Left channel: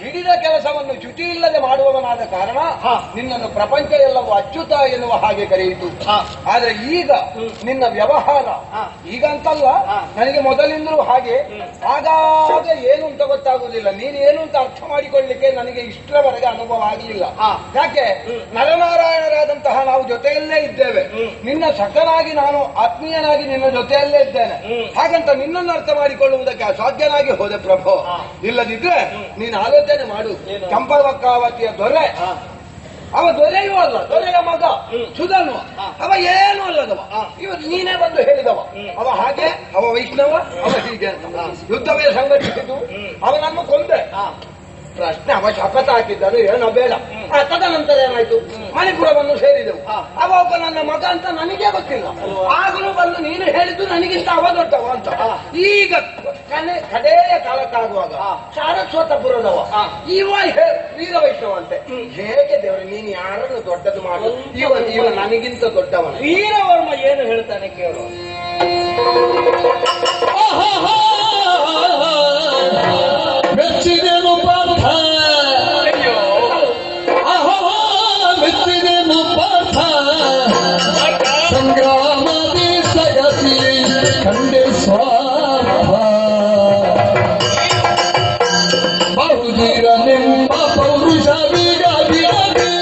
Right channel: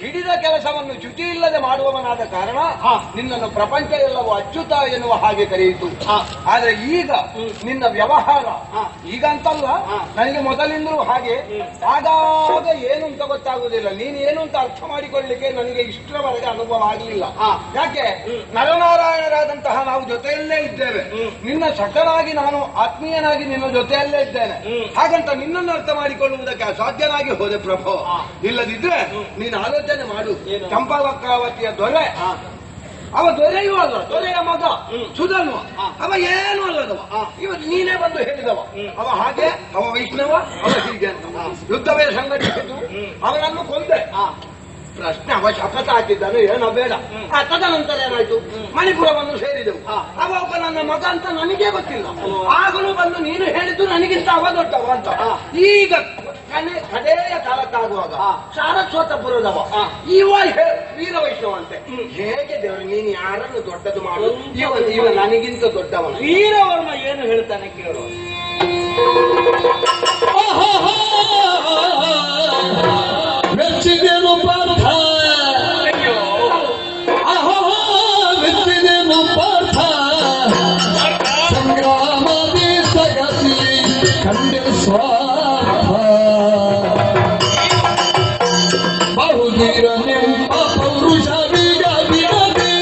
ಹಿಡಿದ ಕೆಲಸವನ್ನು ಚ್ಯುತಿ ಇಲ್ಲದೆ ಮಾಡುವವನಾದ ಕಾರಣ ನಿನ್ನನ್ನು ಪ್ರಪಂಚ ಎಲ್ಲವೂ ಅಚ್ಯುತ ಎನ್ನುವ ಹಾಗೆ ಕರೆಯಿತು. ಆದ್ರೆ ಈಗ ನಿನ್ನ ವ್ಯವಹಾರ ಈಗ ಅಂತಲ್ಲ, ನನಗೆ ಮೊದಲಿಂದಲೂ ಹಾಗೆ ಆಗಾಗ ಏನು ಅಂತ ಗೊತ್ತಾಗುವುದಿಲ್ಲ. ನೀನು ಏನು ಅಂತ ಅರ್ಥ ಮಾಡಿಕೊಳ್ಳಿಕ್ಕೆ ನನಗೆ ಇಷ್ಟರವರೆಗೆ ಅನುಭವ ಆಗಲಿಲ್ಲ. ಯಾಕೆ? ನರನಾರಾಯಣರಾದಂತಹ ನಾವು ಜೊತೆಯಲ್ಲೇ ಇದ್ದೇವೆ. ನಿನ್ನ ಸಖನಾಗಿ ನಾನು ಆತ್ಮೀಯನಾಗಿ ನಿನ್ನ ಜೊತೆಯಲ್ಲೇ ಇದ್ದೇನೆ. ಹಾಗಂತ ನಿನ್ನನ್ನು ಅರ್ಥ ಮಾಡಿಕೊಳ್ಳುವುದಕ್ಕೆ ಅಸಾಧ್ಯನಾಗಿ ಹೋದೆ ಪ್ರಭು. ಇಲ್ಲದಿದ್ರೆ ನೀನು ಆಲೋಚನೆ ಮಾಡು. ಚಂಪವಕ್ರಾವತಿಯ ದೊರೆ, ಅವ ದೊರೆಯೂ ಅಲ್ಲ, ದೊರೆಯ ಮಗ ಸುಧನ್ವ, ಅವ ಏನೂ ಅಲ್ಲದವ. ಇವತ್ತು ನೀನೇ ಬಂದು ಹೇಳಿದವ ಅವ ಹಾಗೆ, ಅವ ವೈಷ್ಣವ, ಅವ ಹೀಗೆ. ಯುದ್ಧವೇ ಸಂಘಟಿಸಿತು, ಅವನನ್ನು ಕೊಂದೆ. ಪ್ರಶ್ನೆ, ಅವ ಶಪಥ ಹಾಕಿದ್ದನು ಏನೋ ಬೇಡ. ತದನಂತರ ಏನಾಯ್ತು? ಮಣಿಪುರವನ್ನು ಸೇರಿದೆವು. ಅವ ಒಬ್ಬ ನನ್ನ ಮಗ ಅಂತ ನನಗೆ ಗೊತ್ತಿಲ್ಲ. ಆಗಲೂ ಬಂದು ನೀನು ಹೇಳಿದ್ದು ನನಗಿಂತ ಅವ ದೊಡ್ಡವ ಅಂತ. ಈಗ ಕಡೆಯ ಕಾಲಕ್ಕಾಗುವಾಗ ಸಾರಸ್ವತಪುರದವ ಇವ ವೀರ ವೈಷ್ಣವ ಅಂತೆ. ಹೇಗೆ ದೇವರು ನೀನು ಯಾರನ್ನು ದೊಡ್ಡದು ಮಾಡು? ಇವ ನನಗಿಂತ ದೊಡ್ಡವನ. ವೀರವರ್ಮ ಏನು ಹೇಳ್ತಾನೆ ಕೇಳುವ. ಮೆಚ್ಚಿದೇನು ಪಾರ್ಥ, ಮೆಚ್ಚಿದೇನು ಪಾರ್ಥ, ಸಂಗ್ರಾಮದಿ ಸಗತಿ ಕಂಡೆ ಸ್ವಾರ್ಥ. ಬಹುಧೀರ ನಿಮ್ಮ ಪೌರುಷ ವೀರಾಭಿರವಿ,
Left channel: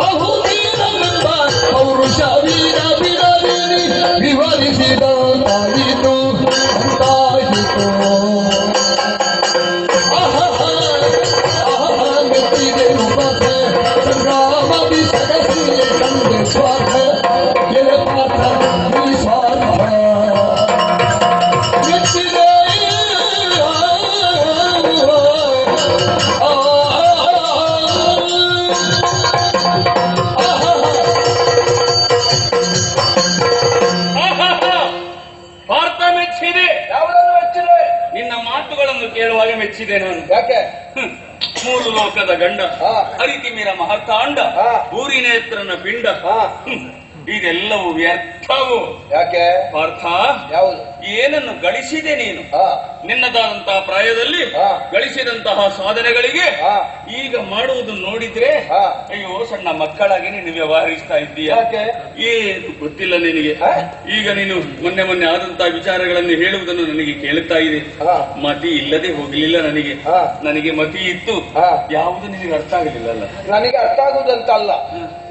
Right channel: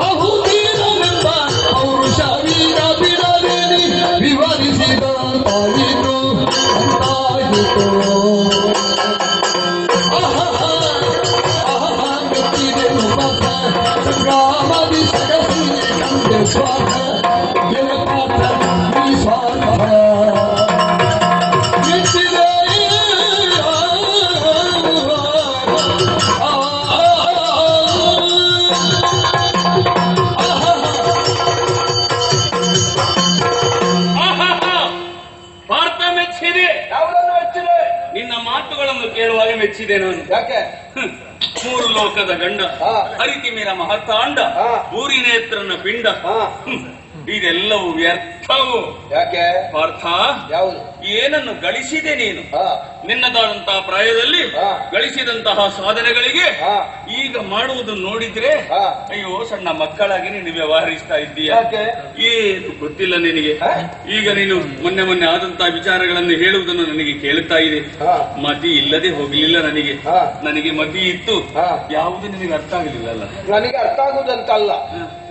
ಬಹುಧೀರ ನಿಮ್ಮ ಪೌರುಷ ವೀರಾಭಿರವಿ ವಿವರಿಸಿದಂತಾಯಿತು ಅಂತಾಯಿತು. ಮೆಚ್ಚಿದೆನು ಪಾರ್ಥ, ಸಂಗ್ರಾಮದಿ ಸಗತಿ ಕಂಡೆ ಸ್ವಾರ್ಥ. ಎಲೆ ಪಾರ್ಥ ನೀ ಸ್ವಾರ್ಥ ಮೆಚ್ಚಿದೆ. ಭಾರತ ಮೆಚ್ಚಿದೆ. ಯಾವುದನ್ನು ಮೆಚ್ಚಿದೆ? ನಿನ್ನ ಮಾತುಗಳನ್ನು ಕೇಳುವಾಗ ಮೆಚ್ಚಿದೆ ನಾನು. ಯಾಕೆ? ಮೂರು ಲೋಕದ ಗಂಡ, ಹರಿತಿಮಿರ ಮಹತಾಂಡ, ಊರಿನೇತ್ರನ ಪಿಂಡ, ಇದೆಲ್ಲವೂ ವ್ಯರ್ಥವು. ಯಾಕೆ? ಪಾರ್ಥ, ಯಾವುದು? ಏನನ್ನು ಗಳಿಸಿದೆ ನೀನು? ನಿನ್ನದಾದಂತಹ ಪ್ರಾಯದಲ್ಲಿ ಗಳಿಸಿದಂತಹ ಸಾಧನೆಗಳಿಗೆ ಈಗ ಮಾಡುವುದು ನೋಡಿದ್ರೆ ಅಯ್ಯೋ ಸಣ್ಣ ಮಕ್ಕಳಾಗಿ ನೀನು ವ್ಯವಹರಿಸ್ತಾ ಇದ್ದೀಯ. ಏನು ಗೊತ್ತಿಲ್ಲ ನಿನಗೆ. ಈಗ ನೀನು ಮೊನ್ನೆ ಆದಂತಹ ವಿಚಾರಗಳನ್ನು ಹೇಳುವುದನ್ನು ನನಗೆ ಕೇಳುತ್ತಾ ಇದೆ. ಮತಿ ಇಲ್ಲದೆ ಹೋಗಲಿಲ್ಲ ನನಗೆ. ನನಗೆ ಮತಿ ಇತ್ತು, ಯಾವುದು ನಿನಗೆ ಅರ್ಥ ಆಗಲಿಲ್ಲ ಅಲ್ಲ? ನನಗೆ ಅರ್ಥ ಆಗುವುದಂತಲ್ಲ,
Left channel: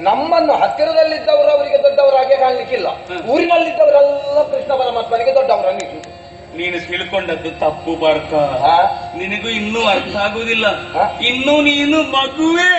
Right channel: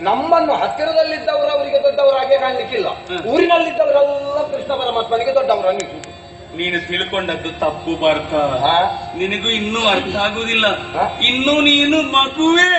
ನಮ್ಮನ್ನು ಹತ್ತಿರದಲ್ಲಿದ್ದವರು ಅವರಿಗೆ ದೊಡ್ಡವರಾಗೆ ಕಾಣಲಿಕ್ಕಿಲ್ಲ. ಊರಿನಲ್ಲಿದ್ದವರೆಲ್ಲ ಕೃಷ್ಣ ಪರಮಾತ್ಮನಿಗೆ ದೊಡ್ಡವರಾಗಿತ್ತು. ನೀನು ತಿಳ್ಕೊಂಡದ್ದು ತಪ್ಪು ಪಾರ್ಥ. ನಿನಗೂ ಇನ್ನೂ ಅರ್ಥ ಆಗುವುದಿಲ್ಲ. ಇನ್ನೂ ನೀನು ಮಗುವೇ.